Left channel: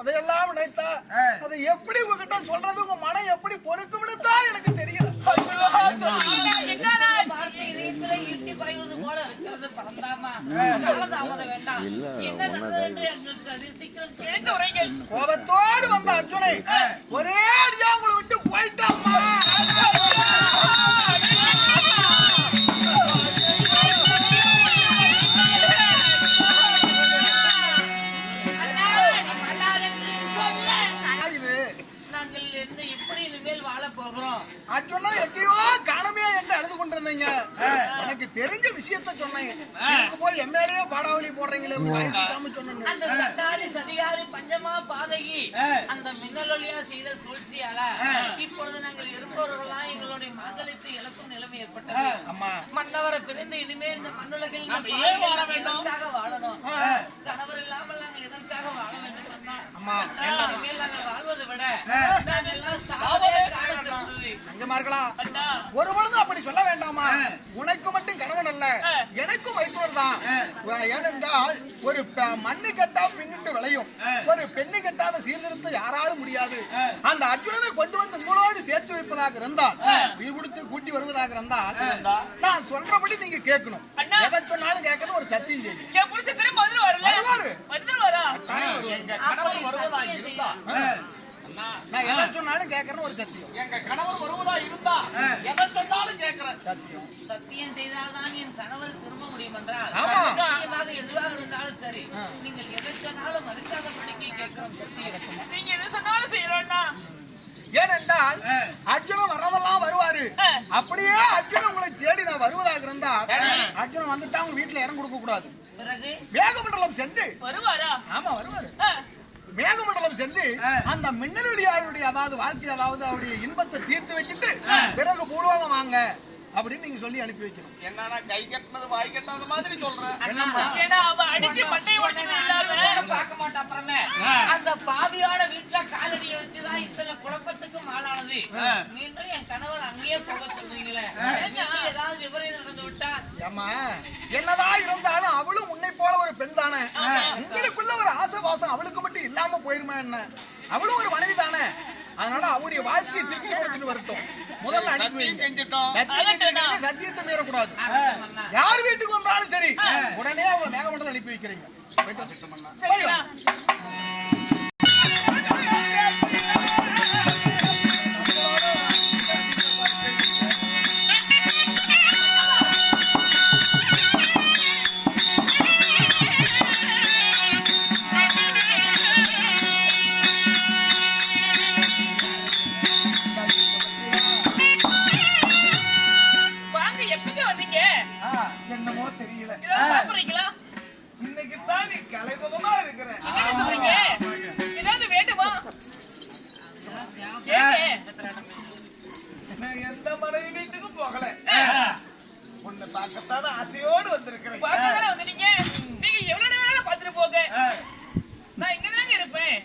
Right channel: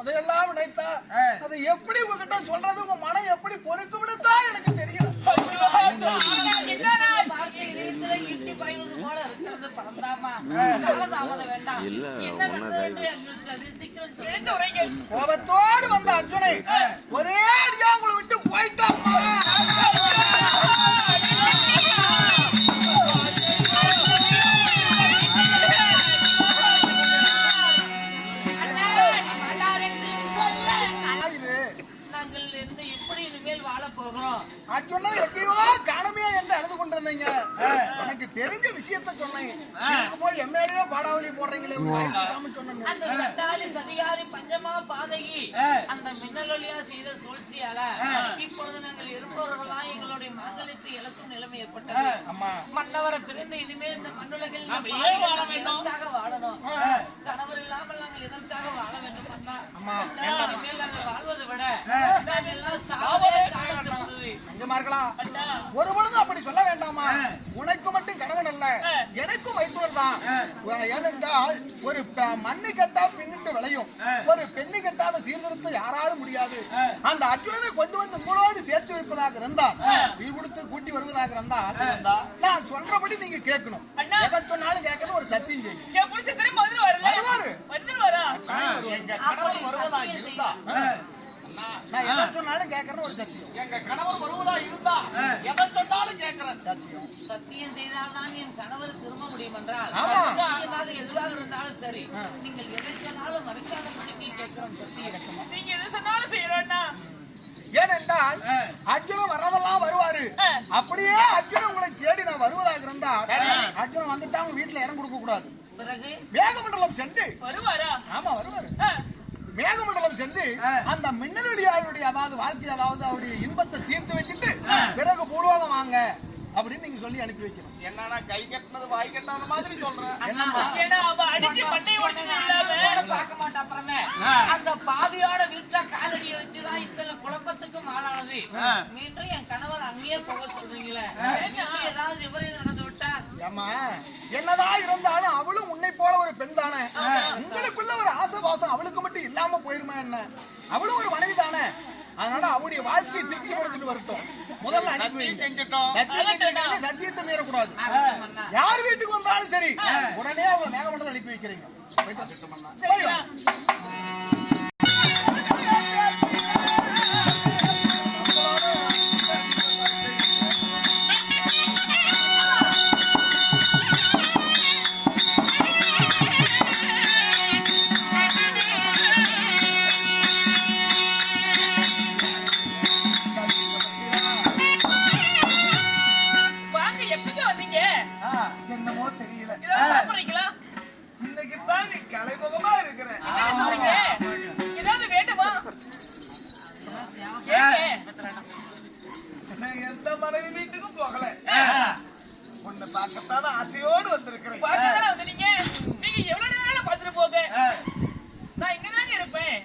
அதையெல்லாம் நினைத்தா அதை எப்படி உங்ககிட்ட சொல்றது, உங்க மனம் எப்படி பொறுக்கும்னு தான் எனக்கு தெரியல. கோபத்தோடு வந்த அர்ஜுனை ஒரே அடியா உங்களை விட்டு போயிட்டாமா. எங்கேயோ காணமே என்று அழுது கொண்டிருந்தீங்க. எனக்கு தெரிஞ்ச விஷயத்த சொன்னேன். போய் எம்எல்ஏ பாடாவளி போடுறீங்களே சொன்னேன். பஞ்சமா பாதகி அந்த மின்னலொலியா செய்த சூழ்ச்சியால இப்பொழுது நாங்கள் இருப்பவர்களாம் எங்களுடைய மாங்கலத்தை இழக்கும் நிலைமை ஏற்பட்டது. மன்னவரை பிரிந்து இனிமே இந்த மண்ணுலகில் வாழணும். கணவர் இல்லாமல் நாங்கள் எதற்காக வாழ வேண்டும்? நாங்கள் வாழ்வதை விட ஒரு பொழுதும் அப்படி சொல்ல வேண்டாமா? உனக்கு மட்டும் கணவன் அல்ல, எனக்கும் வைத்தவர் தான். ஏனென்றால் ஒரு மண்ணு கட்டா பின்னிட்டு விளையும், ஒரு பெண்ணு கட்டாத சீர்திருத்தம் யாராலும் முடியாது. அந்த அர்ஜுனனை கொண்டு வந்து உங்களோடு சேர்த்து வைப்பதாக இருந்தால், உயிர் கொடுத்து கூட்டி வருவதாக இருந்தால், நான் சொல்றபடி நீங்க கேட்கணும். எதை சொன்னாலும் கேட்கணும். ஒரு சத்தியம் செய்யும். வருவதா இருந்தா நான் எதை சொன்னாலும் கேட்கறேன். ஒரு சத்தியம். எங்க கணவர் வருவதா இருந்தா எதை சொன்னாலும் கேட்கறேன். சத்தியம். சத்தியம் செய்தால்தான் என் கணவர் திரும்ப முடியும் என்றால் எதுவாக இருந்தாலும் சரி, நீங்கள் எதை சொன்னாலும் மறுக்காத படிக்க கேட்கிறோம். சத்தியம். நீங்க எதை சொன்னாலும் செய்யறோம்னா, ஏனென்றால் அர்ஜுனன் வர்றதெல்லாம் வருவாரு. அப்படியே அர்ஜுனன் உங்களை தேடி நான் வருவதாக இருந்தா, அர்ஜுனன் வந்துட்டா உங்க வீட்டுல இடம் கொடுக்க கூடாது. பிறகு மேகமண்டலம் சென்று வருவாரா? ஆமா வருவாரு. மேகமண்டலம் சென்று அந்த மின்னலுடைய அதாவது வாழ்க்கை அதாவது அவருடைய இன்பத்தை தீர்த்து வச்சுட்டு பிறகு பூலோகம் வாங்க அப்படின்னு நீங்க சொல்லி அனுப்பி வைக்கணும். என்னன்னா கை கட்டினது வாய் கட்டாத மாதிரி சொல்றேன். பார்க்க மாட்டா. அப்புறமே அந்த பாவியோட வீட்டுல காலடியை வச்சுதான் இத்தனை குழப்பத்துக்கும் ஆளானது. மீண்டும் என் கணவர் அங்கேயே போக சொல்றீங்களே, ஏதாவது விபரீதம் நடந்து விட்டா? ஏமா என்னதான் இருந்தாலும் அவளும் உன்னை போல ஒரு பெண் தானே. உங்களுக்குள்ள ஒரு ஆசைவாசம் அவளுக்கு மட்டும் இல்லாம போயிருமா என்ன? அவளும் ஒரு மனைவி தானே. அதனால அவருடைய வாழ்க்கையை திருப்திப்படுத்திட்டு வரட்டும். முதல்ல சத்தியத்தை மீறக்கூடாது. யார் வீட்டுக்கு வந்தாலும் சரி உடனே அவங்க மேகமண்டலம் அனுப்பி வைக்கிறீங்க. என்னமோ தெரியல. இன்னைக்கு தான் நீ கலைபகமா இருக்கிற. ஏதாவது வேண்டுமா? எந்த மனைவி வீட்டுக்கும் போகல. உன்னை பார்க்கத்தான் ஆசையோடு வந்திருக்கிறேன். நீங்க எவ்வளவு நேரம் பார்த்துட்டு போக, நான் இங்கதாங்க இருப்பேன்.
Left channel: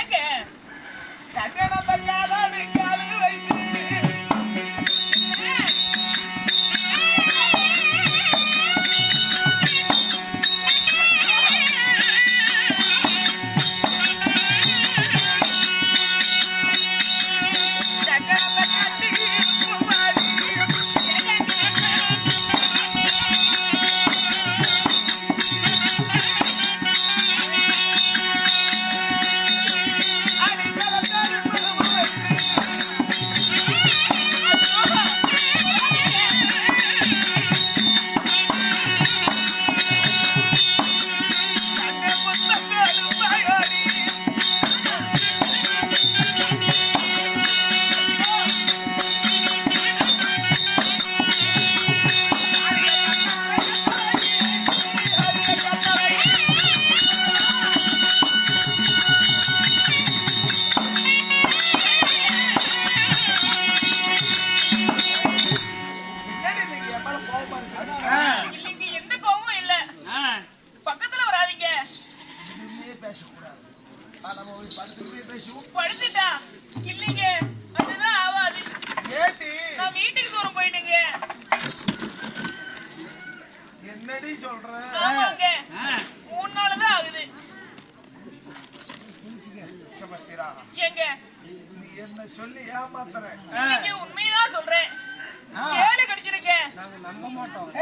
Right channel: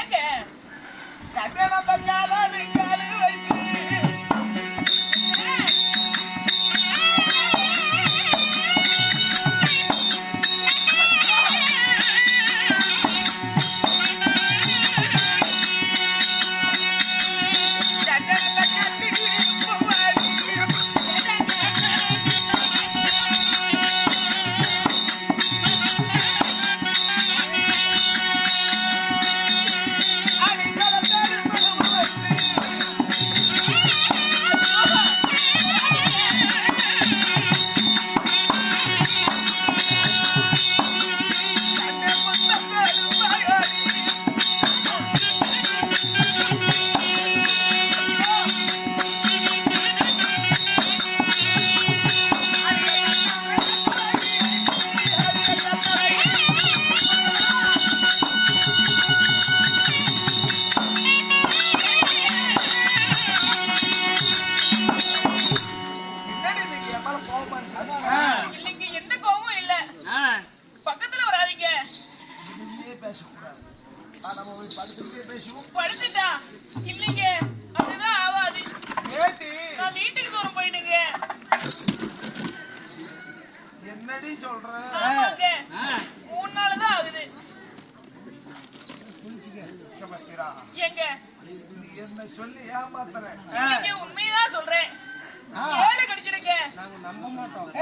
ஏங்க கல்யாணம் பண்ணாத நீங்க அழுகு வைத்து படுத்துட்டா இல்லைங்க, அதுதான் ஆவாது. நான் வீட்டுக்கு தூரம் போயிட்டுங்க. என்னடி சொல்ற? 3 நாள் தான் ஆகுது. விஷபத்திரா, எங்க நீ என்ன சொல்லி ஏமாத்துற? நீங்க உண்மையதான் சொல்றேன். ஏழு கடிச்சிருக்கேன். நாங்க நம்ப மாட்டோம்.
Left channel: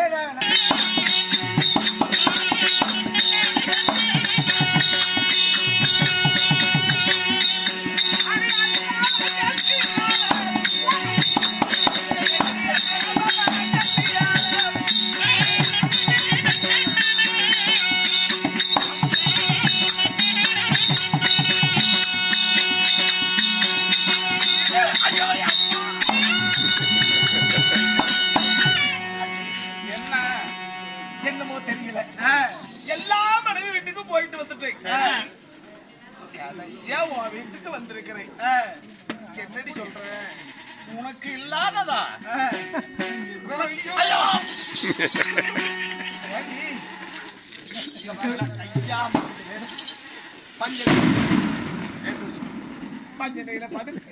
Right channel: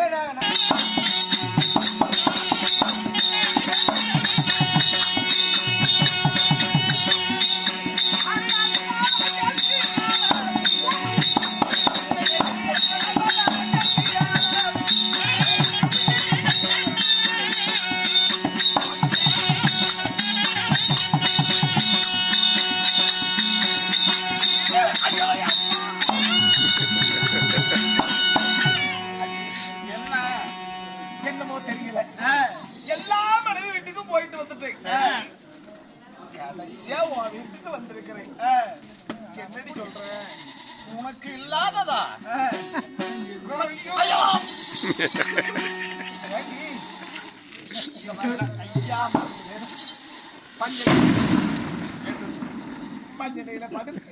என்னமோ தெரியல, எல்லா மனைவி வீட்டுக்கும் போயிட்டு வந்துட்டேன். கடைசியா உன் வீட்டுக்கு வந்திருக்கிறேன். என்னடி சொல்ற? உனக்கு இல்லாததா? ஐயோ! ஏண்டி? இங்க பாருங்க, ஐயா, பஞ்சனையில படுத்து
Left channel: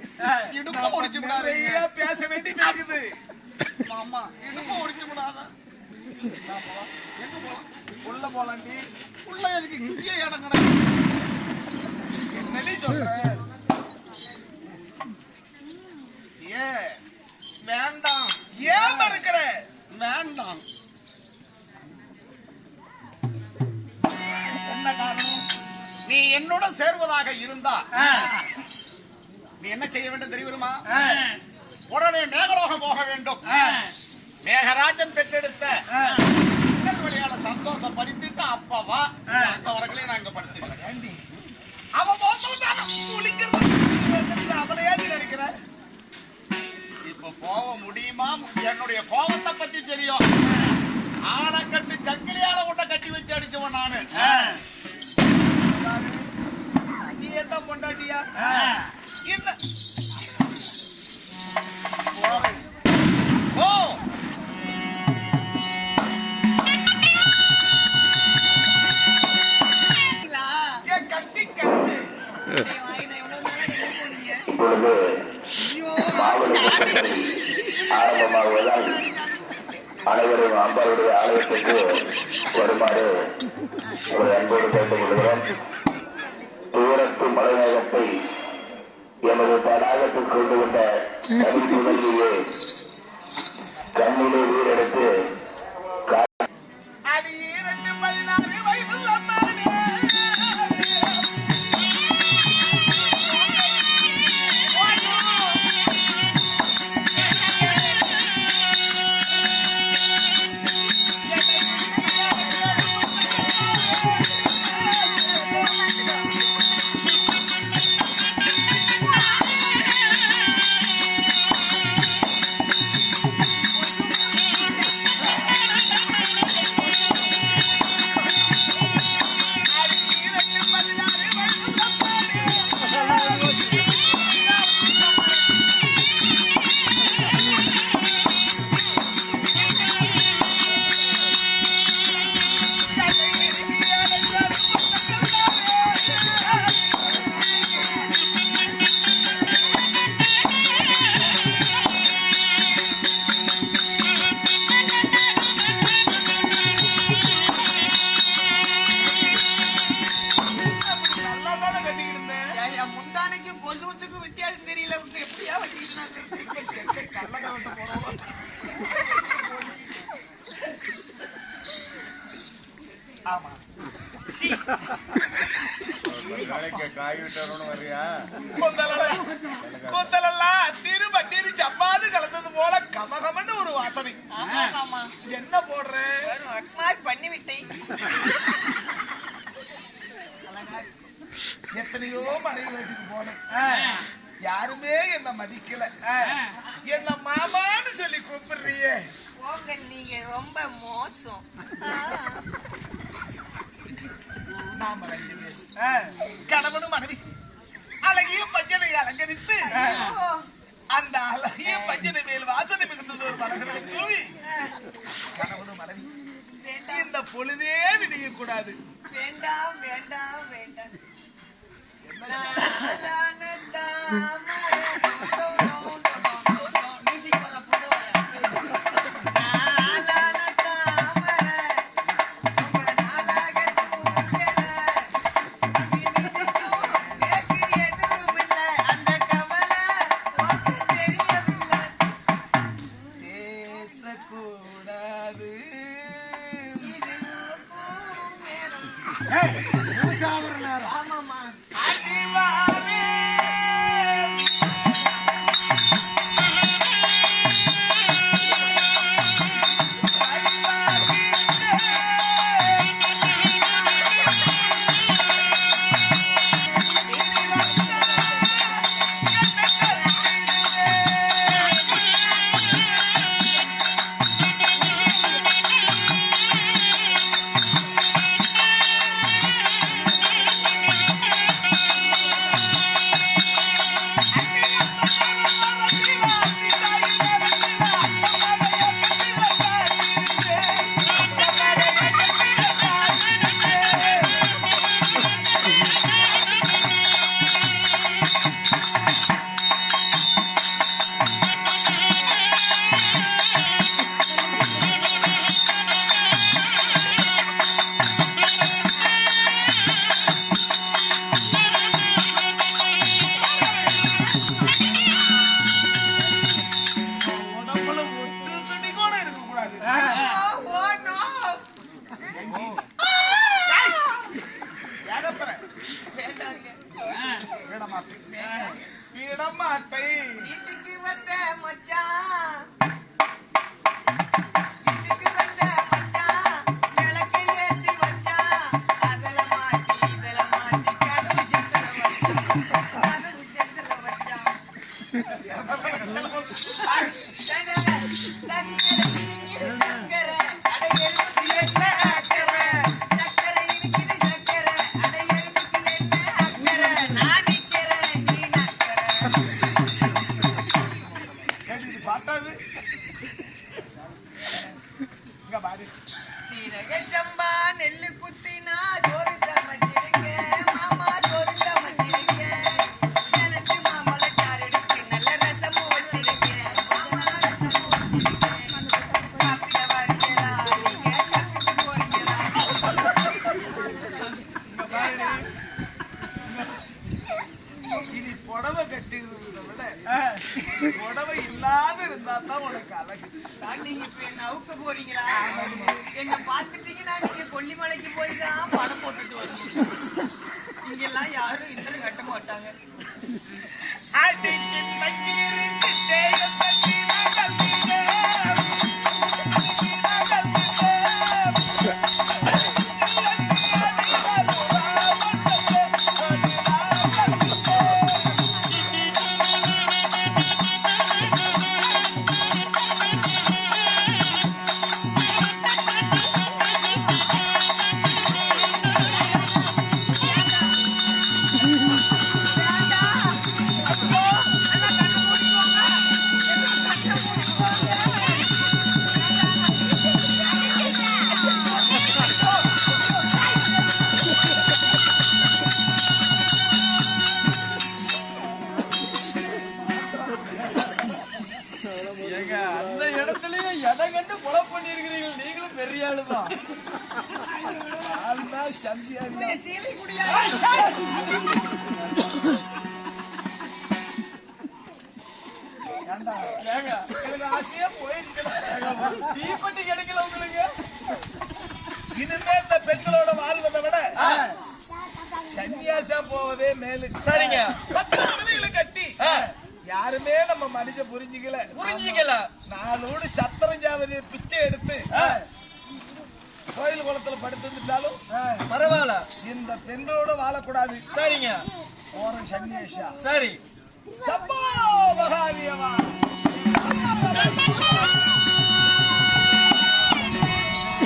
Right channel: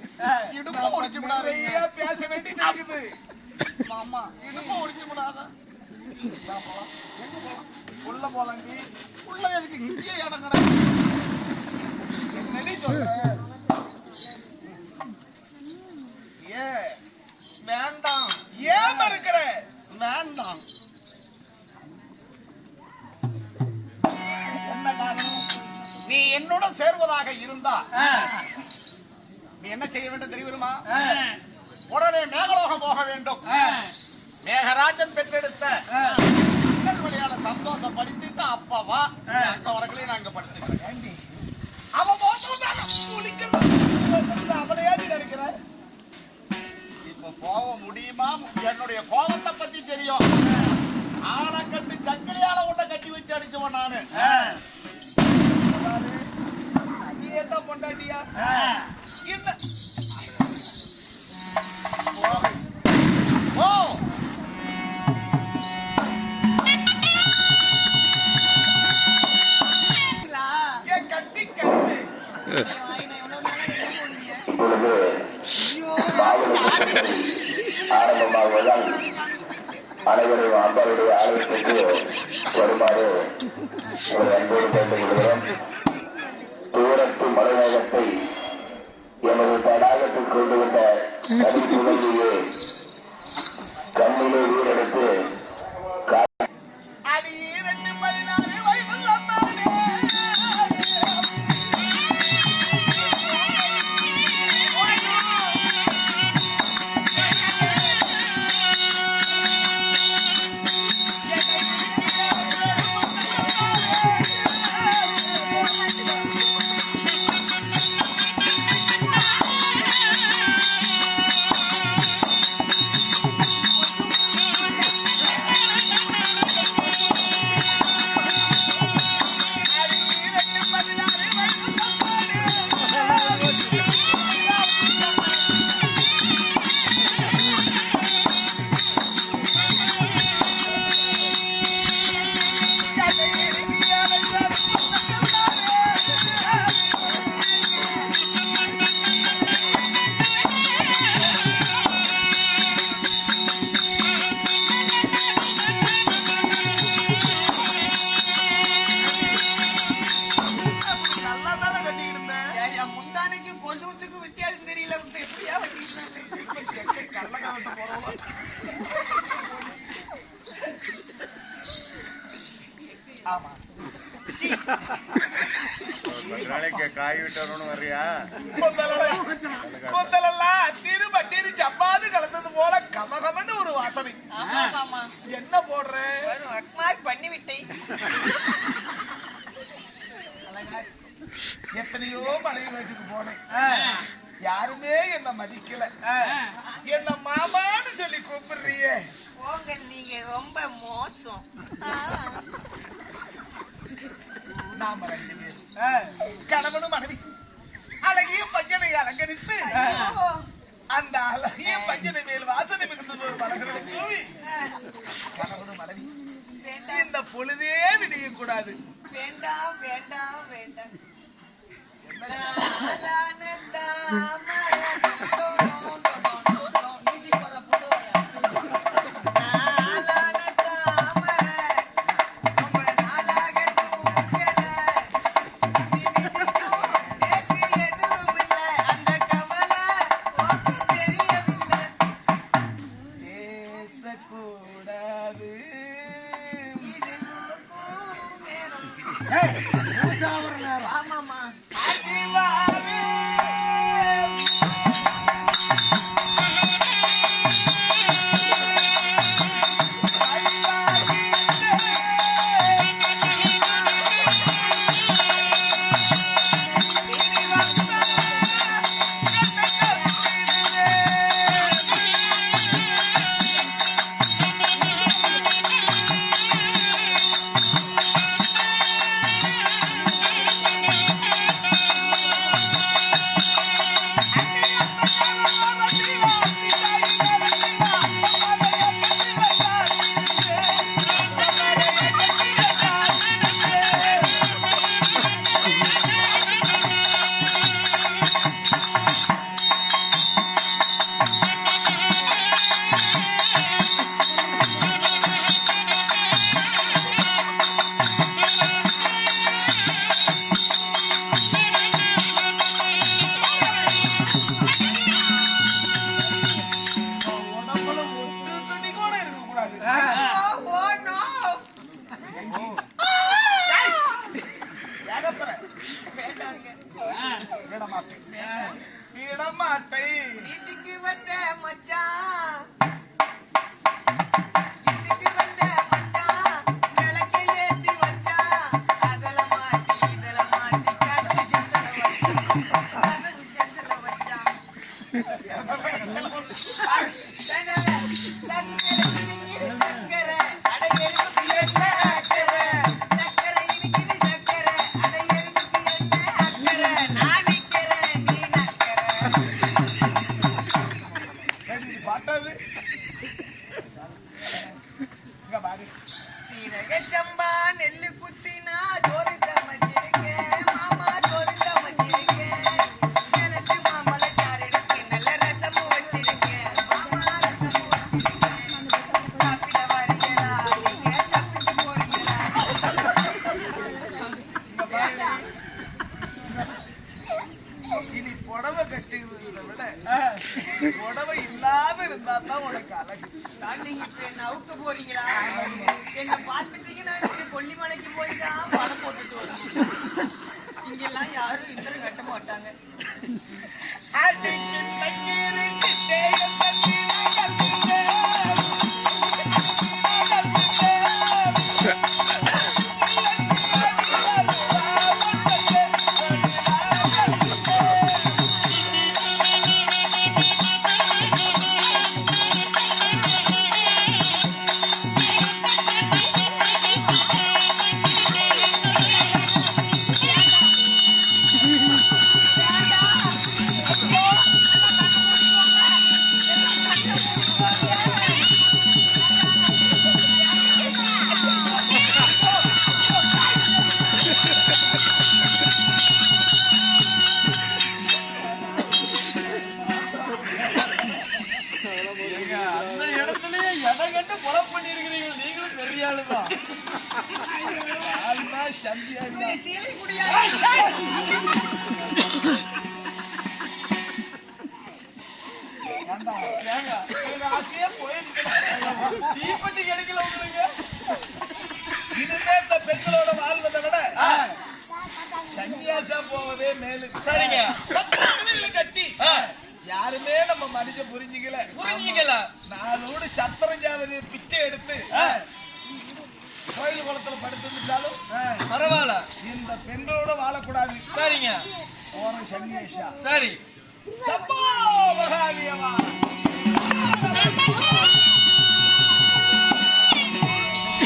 இடுப்பு ஒடிச்சு விடாதீங்க. நிறைய பேச வேண்டியது இருக்குது. மாமா, இடுப்பு ஒடிச்சு விடாத. எங்க போலாம்? உள்ள போலாண்டி. உள்ள எதுக்கு இங்கேயே இடம் கிடக்கு? என்னடி சொல்ற? ஏ வேண்டாம், ஏன் மறுக்கிற? வேண்டாம். என்ன காரணம்? நீ என்னோட சேர்வதாக இருந்தா நீ என்ன செய்ய வேண்டும் தெரியுமா? உடனே மேகலோகம் போக வேண்டும். மேகராஜன் பெற்றெடுத்த வழியால சந்தோஷப்படுத்திட்டு அப்பவா அங்க வரங்களே நான் இங்க படுத்துக்கிறேன். ஏண்டி அவன் அவளையாடி நினைக்கிற? இப்ப போக முடியுமா? என்னுடைய கோபத்தை பத்தி தெரியும். ஆனை கட்டு சங்கிலியால உன்னை கட்டி வச்சு அடிச்சவன் நானு. பாரு, நீ என்ன பொண்டாட்டியா? என்ன ஓ கட்டி கட்டு இப்பொழுது மாவட்ட ஆரம்பமாகுவதால் அனைவரும் அம்பருடைய ஆலயத்திற்கு வருமாறு ஒரு அன்போடு கேட்டுக் கொள்கிறோம். தூரத்து மலைநகத்தை எமது தடாகத்தில் கொண்டு வந்த தனித்துணர்வையே கண்ணிலே உயிரெடுத்து அடி 2 வயதுள்ள மானே. ஆமா, கொந்தலெல்லாம் திரும்பட்டி சப்பாது கலந்தது போல கமகமன்னு ஒரு வாசனை. என்ன போடுற? பண்ணிவிட்டேன். எத்தனையோ மனைவி வீட்டுக்கு போனேன், யாருமே என்ன மதிக்கல. என்ன மாமான்னு சொல்லி கூப்பிடுறியே. போங்க, நீங்க ரொம்ப மோசம். நாம 2 பேரும் கணவனும் மனைவி அழகிய பஞ்சனை அலங்கரித்து அந்த அழகிய பஞ்சனை மேல் வாசனை மிகுந்தது ஒரு மலர்களை தூவி கணவனும் மனைவி இந்த பொழுதே விடியக்கூடாது. வேண்டாம் வேண்டாம் வேண்டாம். விடமாட்டை வீட்டுக்கு வந்த மச்சான், வீட்டுக்கு வந்த மச்சான், விளக்கை ஏத்தி வச்சான், அதல மாட்டி இதல மாட்டி கதவு செந்தல வச்சான், கதவு செந்தல வச்சான். சக்கரை இனிக்குது சக்கரை, அட எறும்புக்கு என்ன அக்கறை? சக்கரை இனிக்குது சக்கரை, அட எறும்புக்கு என்ன அக்கறை? நான் நிக்கிறேன், நீ நக்கறை. பார்த்தது இங்க பாரு. சீரக சம்பா நெல்லு குத்தினா சோறு சமைச்சிருக்கேன் மாமா, சோறு சமைச்சிருக்கேன். எனக்கு மாம்பழச்சாறு எடுத்து நல்ல ரசமும் வச்சிருக்கேன் மாமா, ரசமும் வச்சிருக்கேன். சாப்பிட வரீங்களா? நீங்க சாப்பிட்டு போறீங்களா? இங்க பாரு. இனி புடவை கட்டுகிறத விட புடவை இல்லாத இருந்தா தான் உனக்கு அழகு. தான் நீங்க இப்ப என்ன அவுக்க போறீங்களா? என்ன பாத்துட்டீங்கன்னா நீங்க கொல்லிமலைக்கு போய் தான் படம் போட்டுட்டு வரணும். இங்கெல்லாம் யாரும் இத்தனை கட்ட மாட்டாங்க. அடிச்சு தண்ணீர் சிட்டையை தண்ணீர் அந்த இடத்துலயே எதை கண்டு கொலை பண்ணிருக்கிறீர்கள். நீங்களும் பெரிய ஆளுதான். சந்தியா ஆசையா போயிருக்கீங்க. தீப்பெட்டி கிடைக்கல உங்களுக்கு. இனிமே இந்த பெண்களோட வாழ்வதை விட சன்னியாசா போவதே மேலு. சரிங்க. 10 பிள்ளைகளை கட்டி யாருமே நம்ம மனித புரிஞ்சுக்கல. நாளோடு சத்திரம் ஜாவதியை பிச்சை எடுத்து கோயில் குளத்துல படுத்துட்டாலும் பரவாயில்ல, இந்த பெண்களோட வாழக்கூடாது. சரிங்க. போறோம் சன்னியாசா. சரி. சம்போ மகாதேவா.